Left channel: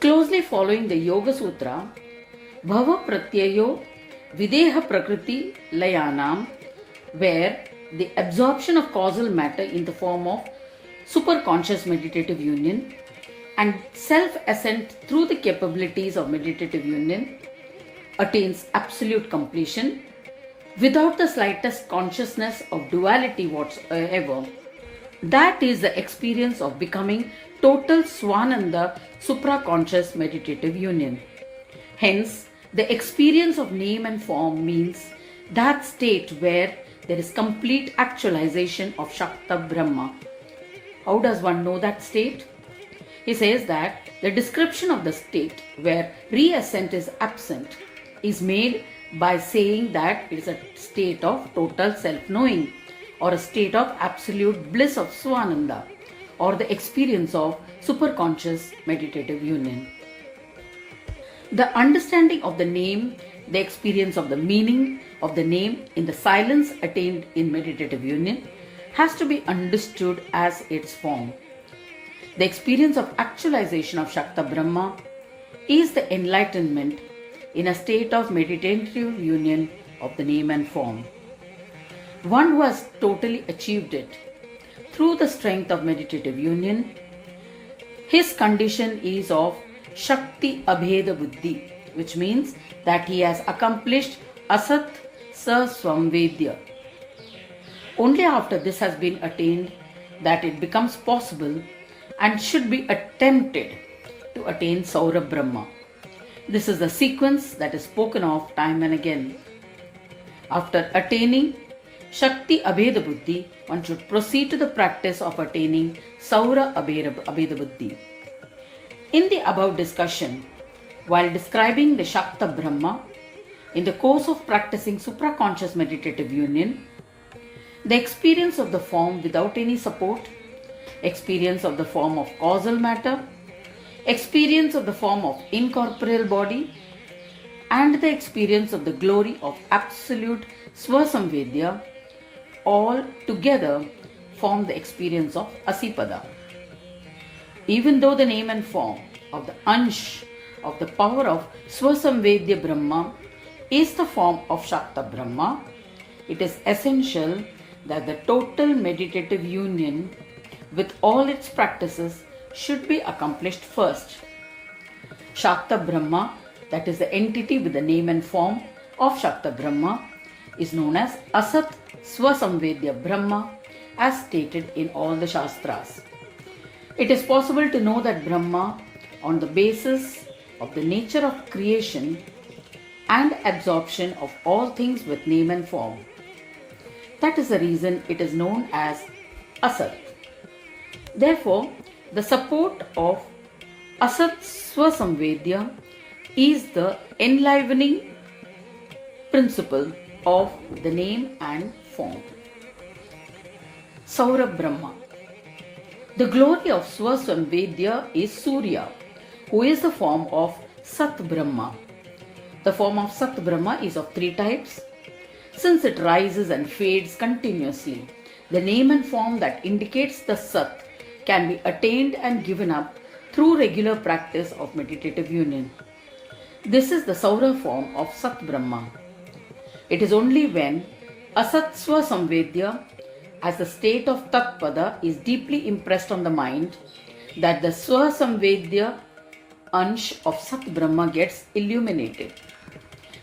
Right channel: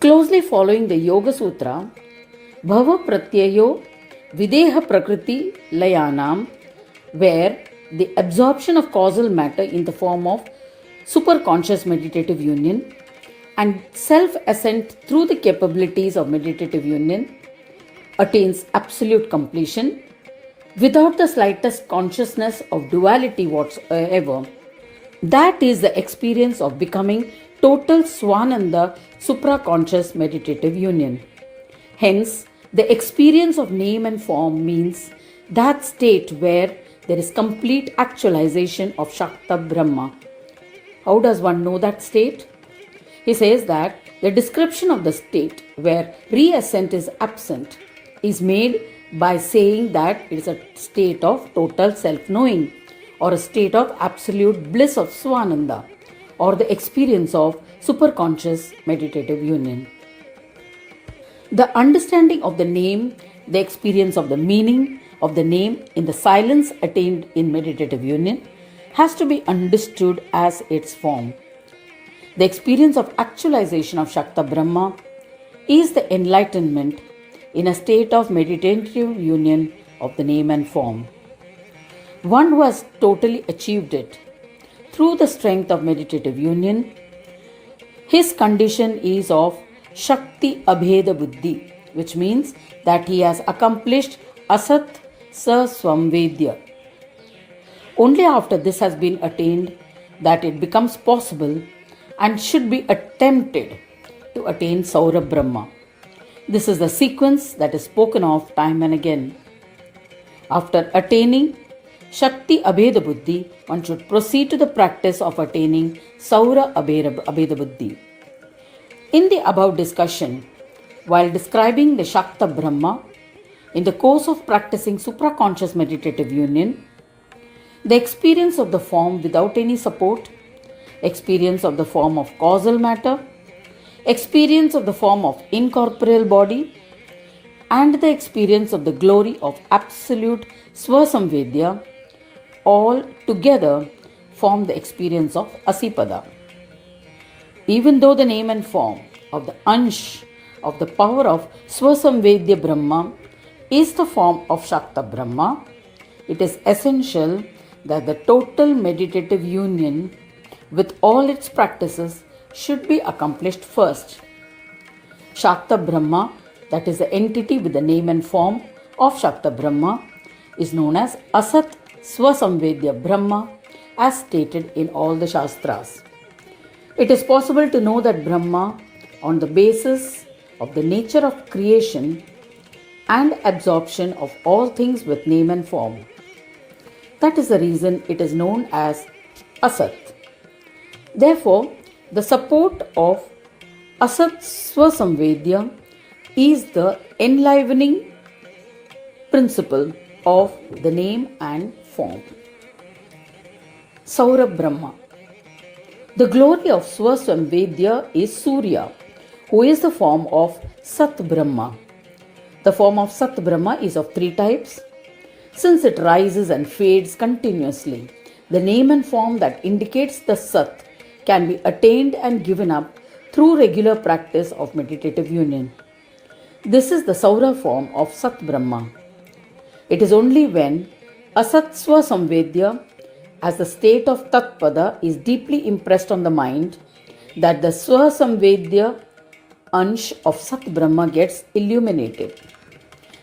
Closely following the Yoga Sutra, Bhava Pratyayo Videha Prakriti Layanam, where the absorption of causal matter in the form of superconscious meditative union and self-ascent through the capabilities of meditative union attains absolute completion without the slightest consciousness of duality whatsoever. That is the experience of becoming total Swananda supraconscious meditative union. Hence, the experience of name and form means that state where there is complete actualization of Shakta Brahma. How does one know that state? He says that the description of the state where reascent is absent is made by saying that it is a state of total self-knowing or a state of absolute bliss of Swananda or the experience of superconscious meditative union. The understanding of the name, the experience of the meaning of the name in the silence attained in meditative union has to be understood as its form. The experience of actualization of Shakta Brahma is the enlightenment in a state of meditative union of the name and form. One who has totally achieved it through the strength of meditative union, his condition is of Shakti Abheda Buddhi, which means that he has accomplished Asat Sa Swamvedya. Only after this has been attained that it becomes possible and should be attempted to attain Saura Brahma. This is the sequence that is spoken of time and again. After attaining Shakti Abheda Buddhi, one should proceed to the practice of attaining Saura Abheda Buddhi. In the above discussion, while describing the Shakta Brahma, in the course of practicing supraconscious meditative union, the experience of the form without any support, experience of the form of causal matter, experience of the form of incorporeal body, and the experience of the glory of absolute Swasamvedya all together form the experience of Asipada. Even though the name and form of the Ansh of the power of Swasamvedya Brahma is the form of Shakta Brahma, it is essential that the total meditative union with all its practices should be accomplished first. Shakta Brahma, that is the entity with the name and form of Shakta Brahma, is known as Asat Swasamvedya Brahma as stated in all the Shastras. It is possible to know that Brahma on the basis of the nature of creation and absorption of all things with name and form. That is the reason it is known as Asat. Therefore, the support of Asat Swasamvedya is the enlivening principle of the name and form. Saura Brahma. The glory of Swasamvedya is Surya, who is the form of Sat Brahma. The form of Sat Brahma is of three types. Since it rises and fades continuously, the name and form that indicates the Sat can be attained and given up through regular practice of meditative union. This is the Saura form of Sat Brahma. It is only when Asat Swasamvedya as the state of Tatpada is deeply impressed on the mind that the Swasamvedya Ansh of Sat Brahma gets illuminated.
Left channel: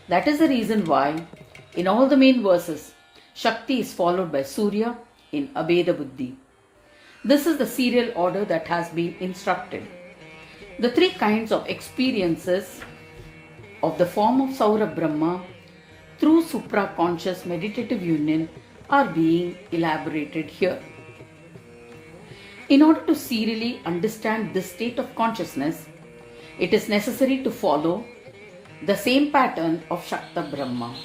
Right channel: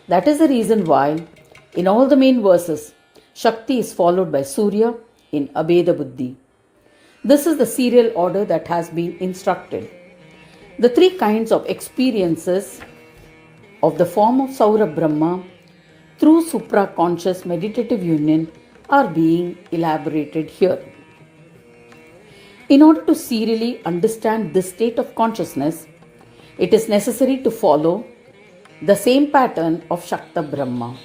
That is the reason why in all the main verses, Shakti is followed by Surya in Abheda Buddhi. This is the serial order that has been instructed. The three kinds of experiences of the form of Saura Brahma through supraconscious meditative union are being elaborated here. In order to serially understand this state of consciousness, it is necessary to follow the same pattern of Shakta Brahma.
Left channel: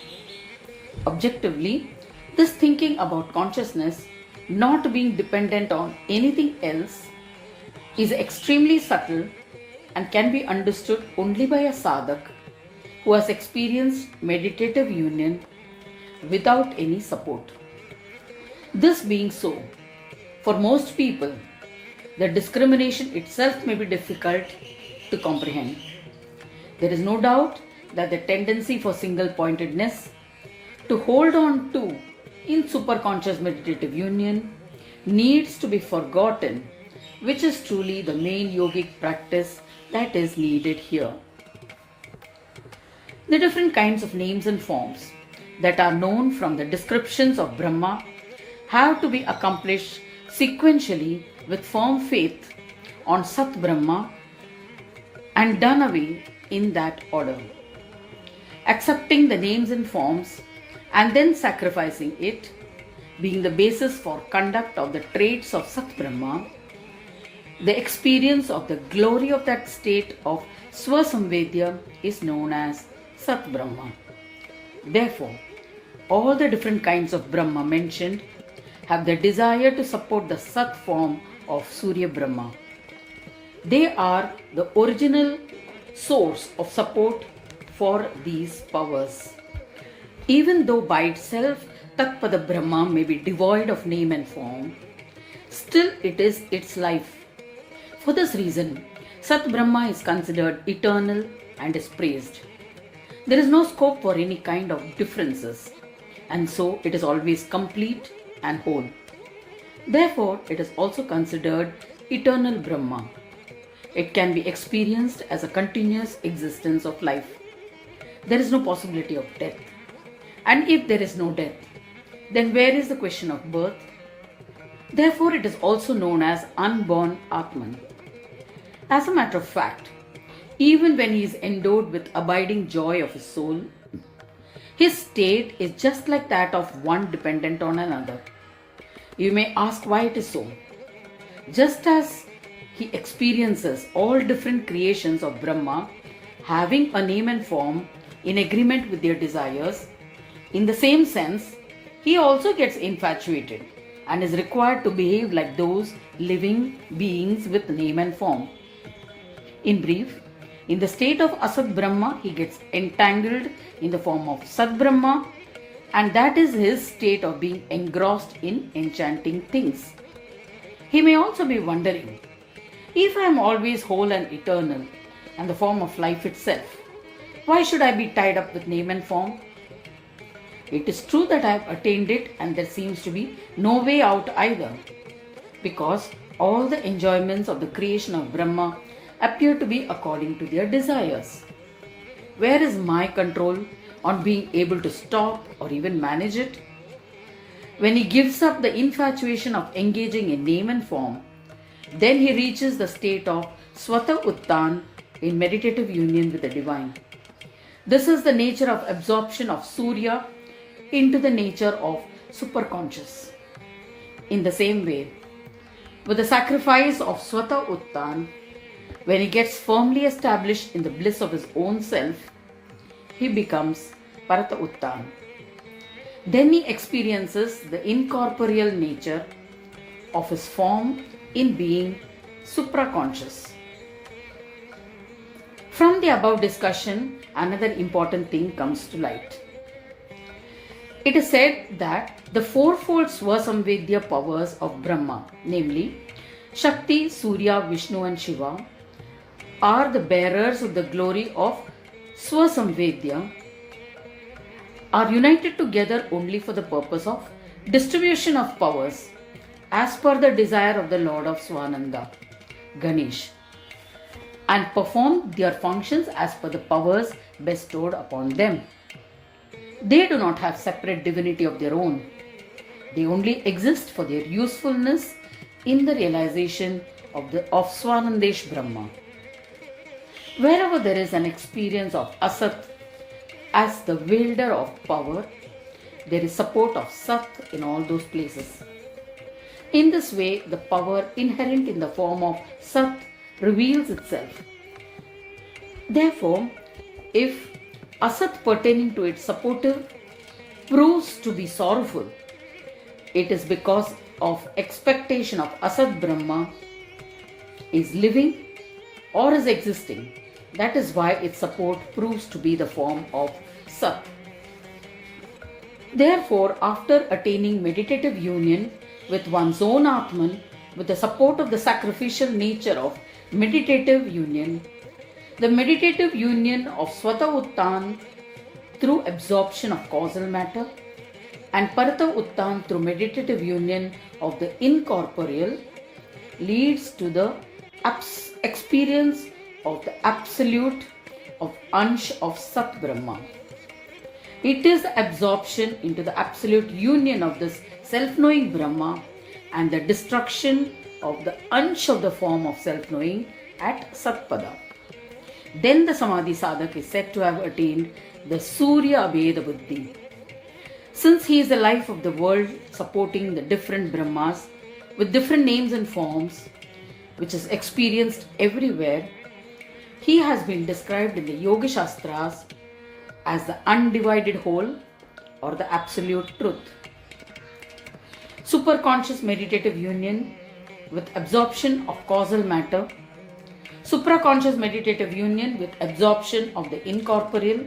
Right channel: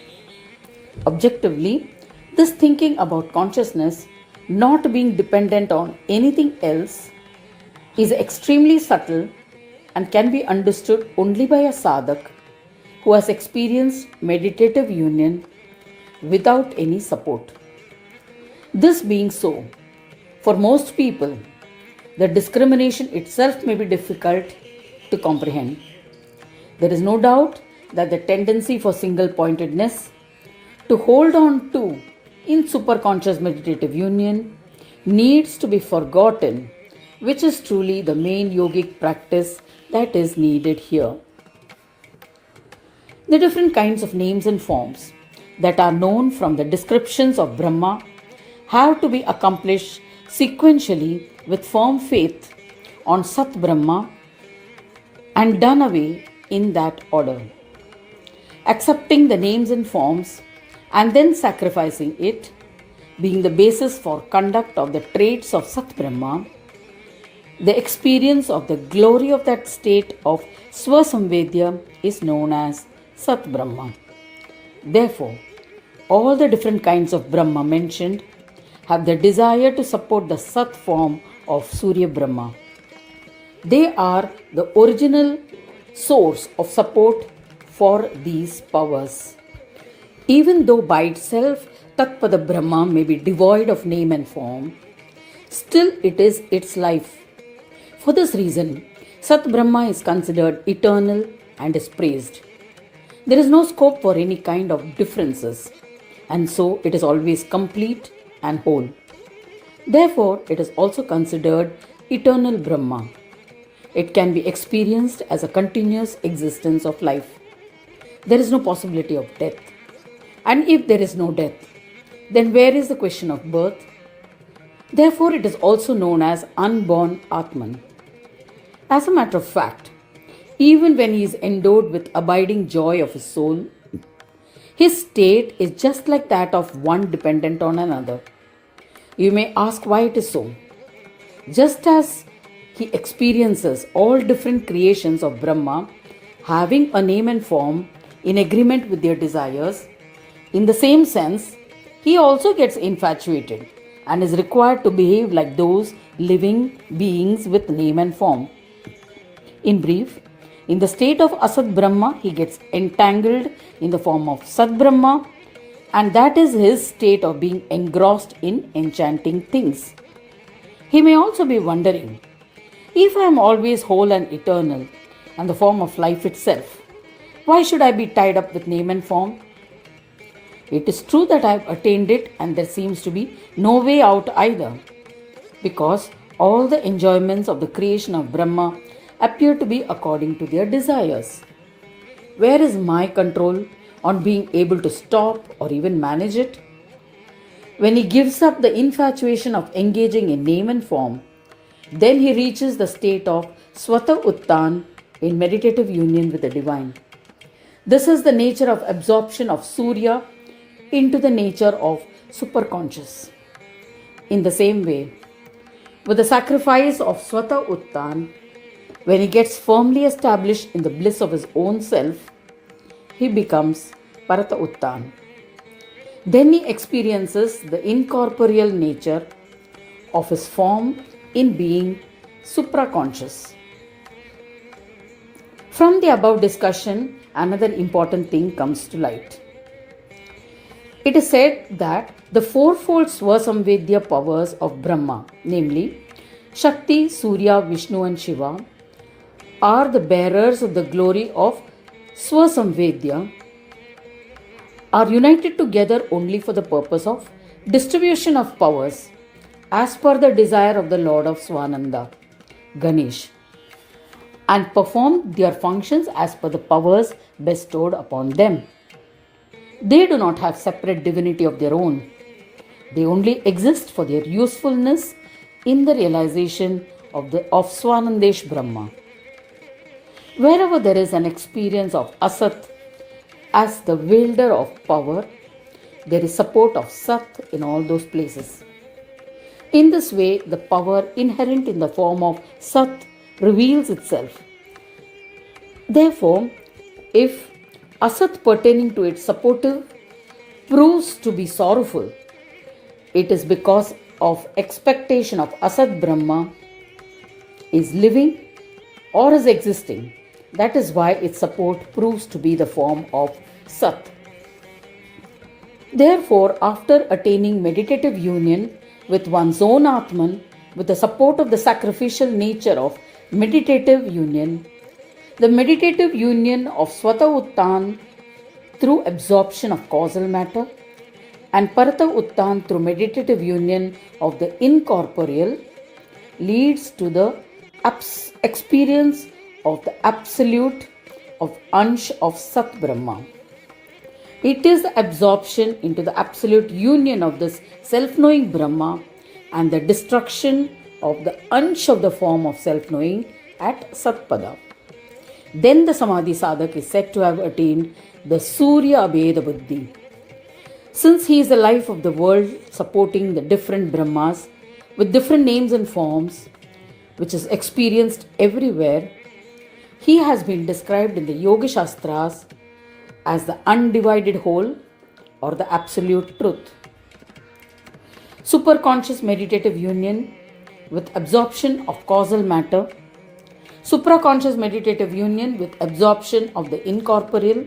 Objectively, this thinking about consciousness not being dependent on anything else is extremely subtle and can be understood only by a sadhak who has experienced meditative union without any support. This being so, for most people, the discrimination itself may be difficult to comprehend. There is no doubt that the tendency for single pointedness to hold on to in superconscious meditative union needs to be forgotten, which is truly the main yogic practice that is needed here. The different kinds of names and forms that are known from the descriptions of Brahma have to be accomplished sequentially with firm faith on Sat Brahma and done away in that order. Accepting the names and forms and then sacrificing it, being the basis for conduct of the traits of Sat Brahma, the experience of the glory of that state of Swasamvedya is known as Sat Brahma. Therefore, all the different kinds of Brahma mentioned have the desire to support the Sat form of Surya Brahma. They are the original source of support for these powers. Even though by itself Tatpada Brahma may be devoid of name and form, still it is its life. For this reason, Sat Brahma is considered eternal and is praised. There is no scope for any kind of differences, and so it is always complete and whole. Therefore, it is also considered eternal Brahma. It can be experienced as a continuous existence of life. There is no possibility of death. And if there is no death, then where is the question of birth? Therefore, it is also known as unborn Atman. As a matter of fact, even when he is endowed with abiding joy of his soul, his state is just like that of one dependent on another. You may ask why it is so. Just as he experiences all different creations of Brahma having a name and form in agreement with their desires, in the same sense, he also gets infatuated and is required to behave like those living beings with name and form. In brief, in the state of Asat Brahma, he gets entangled in the form of Sat Brahma, and that is his state of being engrossed in enchanting things. He may also be wondering, if I am always whole and eternal and the form of life itself, why should I be tied up with name and form? It is true that I have attained it and there seems to be no way out either, because all the enjoyments of the creation of Brahma appear to be according to their desires. Where is my control on being able to stop or even manage it? When he gives up the infatuation of engaging in name and form, then he reaches the state of Swata Uttan in meditative union with the divine. This is the nature of absorption of Surya into the nature of superconscious. In the same way, with the sacrifice of Swata Uttan, when he gets firmly established in the bliss of his own self, he becomes Parata Uttan. Then he experiences the incorporeal nature of his form in being supraconscious. From the above discussion, another important thing comes to light. It is said that the fourfold Swasamvedya powers of Brahma, namely Shakti, Surya, Vishnu and Shiva, are the bearers of the glory of Swasamvedya, are united together only for the purpose of distribution of powers as per the desire of the Lord of Swananda, Ganesh, and perform their functions as per the powers bestowed upon them. They do not have separate divinity of their own. They only exist for their usefulness in the realization of Swanandesh Brahma. Wherever there is an experience of Asat as the wielder of power, there is support of Sat in all those places. In this way, the power inherent in the form of Sat reveals itself. Therefore, if Asat pertaining to its supportive proves to be sorrowful, it is because of expectation of Asat Brahma is living or is existing. That is why its support proves to be the form of Sat. Therefore, after attaining meditative union with one's own Atman, with the support of the sacrificial nature of meditative union, The meditative union of Swata Uttan through absorption of causal matter and Parata Uttan through meditative union of the incorporeal leads to the experience of the absolute of Ansh of Sat Brahma. It is the absorption into the absolute union of this self-knowing Brahma and the destruction of the Ansh of the form of self-knowing at Satpada. Then the Samadhi Sadhak is said to have attained the Surya Abheda Buddhi. Since he is the life of the world supporting the different Brahmas with different names and forms, which is experienced everywhere, he has been described in the Yoga Shastras as the undivided whole or the absolute truth. Superconscious meditative union with absorption of causal matter, supraconscious meditative union with absorption of the incorporeal,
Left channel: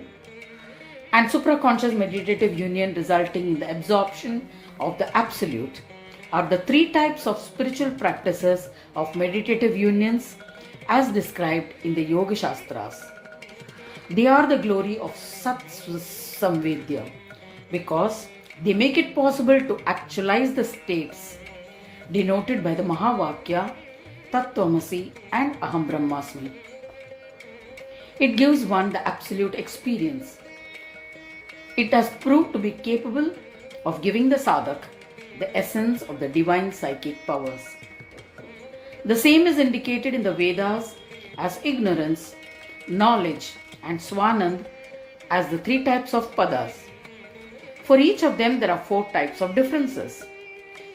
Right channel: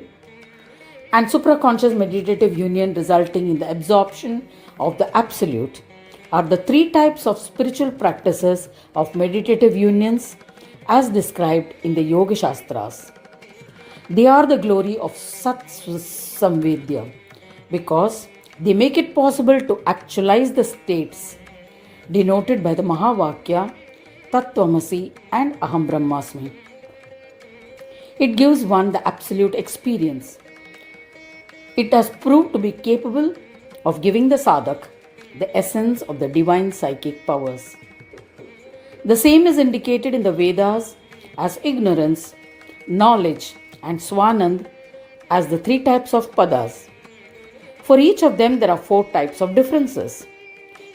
and supraconscious meditative union resulting in the absorption of the absolute are the three types of spiritual practices of meditative unions as described in the Yoga Shastras. They are the glory of Sat Samvedya because they make it possible to actualize the states denoted by the Mahavakya, Tattvamasi and Aham Brahmasmi. It gives one the absolute experience. It has proved to be capable of giving the sadhak the essence of the divine psychic powers. The same is indicated in the Vedas as ignorance, knowledge and Swanand as the three types of padas. For each of them there are four types of differences.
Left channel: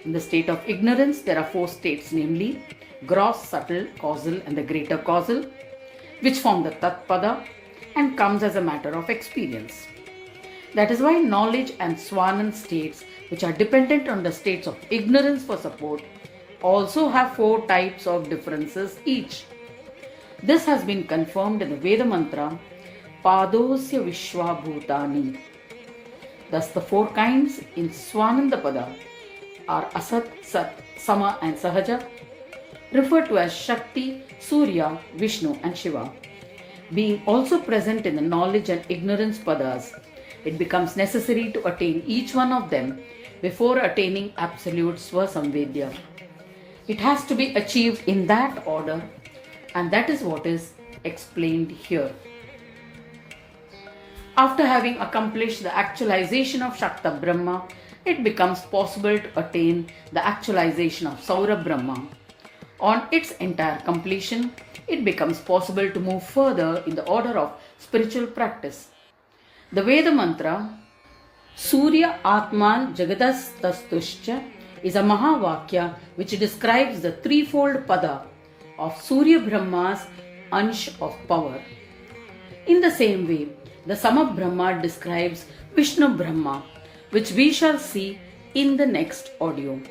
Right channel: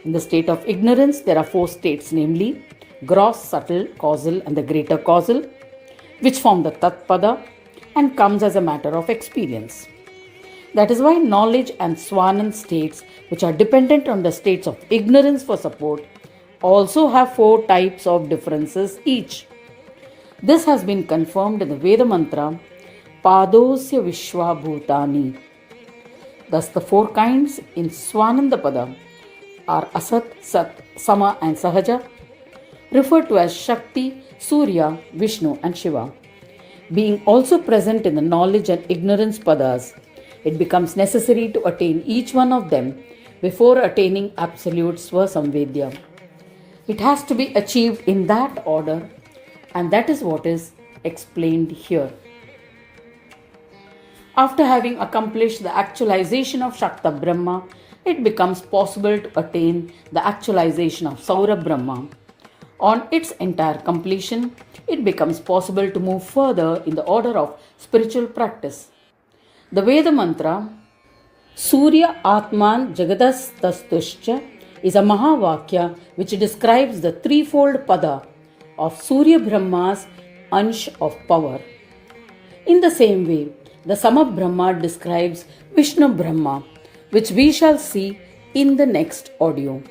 In the state of ignorance there are four states, namely gross, subtle, causal and the greater causal, which form the Tatpada and comes as a matter of experience. That is why knowledge and Swanand states, which are dependent on the states of ignorance for support, also have four types of differences each. This has been confirmed in the Veda mantra Padosya Vishwa Bhutani. Thus the four kinds in Swanandapada are Asat, Sat, Sama and Sahaja, referred to as Shakti, Surya, Vishnu and Shiva. Being also present in the knowledge and ignorance padas, it becomes necessary to attain each one of them before attaining absolute Swasamvedya. It has to be achieved in that order, and that is what is explained here. After having accomplished the actualization of Shakta Brahma, it becomes possible to attain the actualization of Saurabh Brahma. On its entire completion, it becomes possible to move further in the order of spiritual practice. The Veda mantra Surya Atman Jagadastastuscha is a Mahavakya which describes the threefold pada of Surya Brahma's Ansh of power. In the same way, the Sama Brahma describes Vishnu Brahma, which we shall see in the next audio.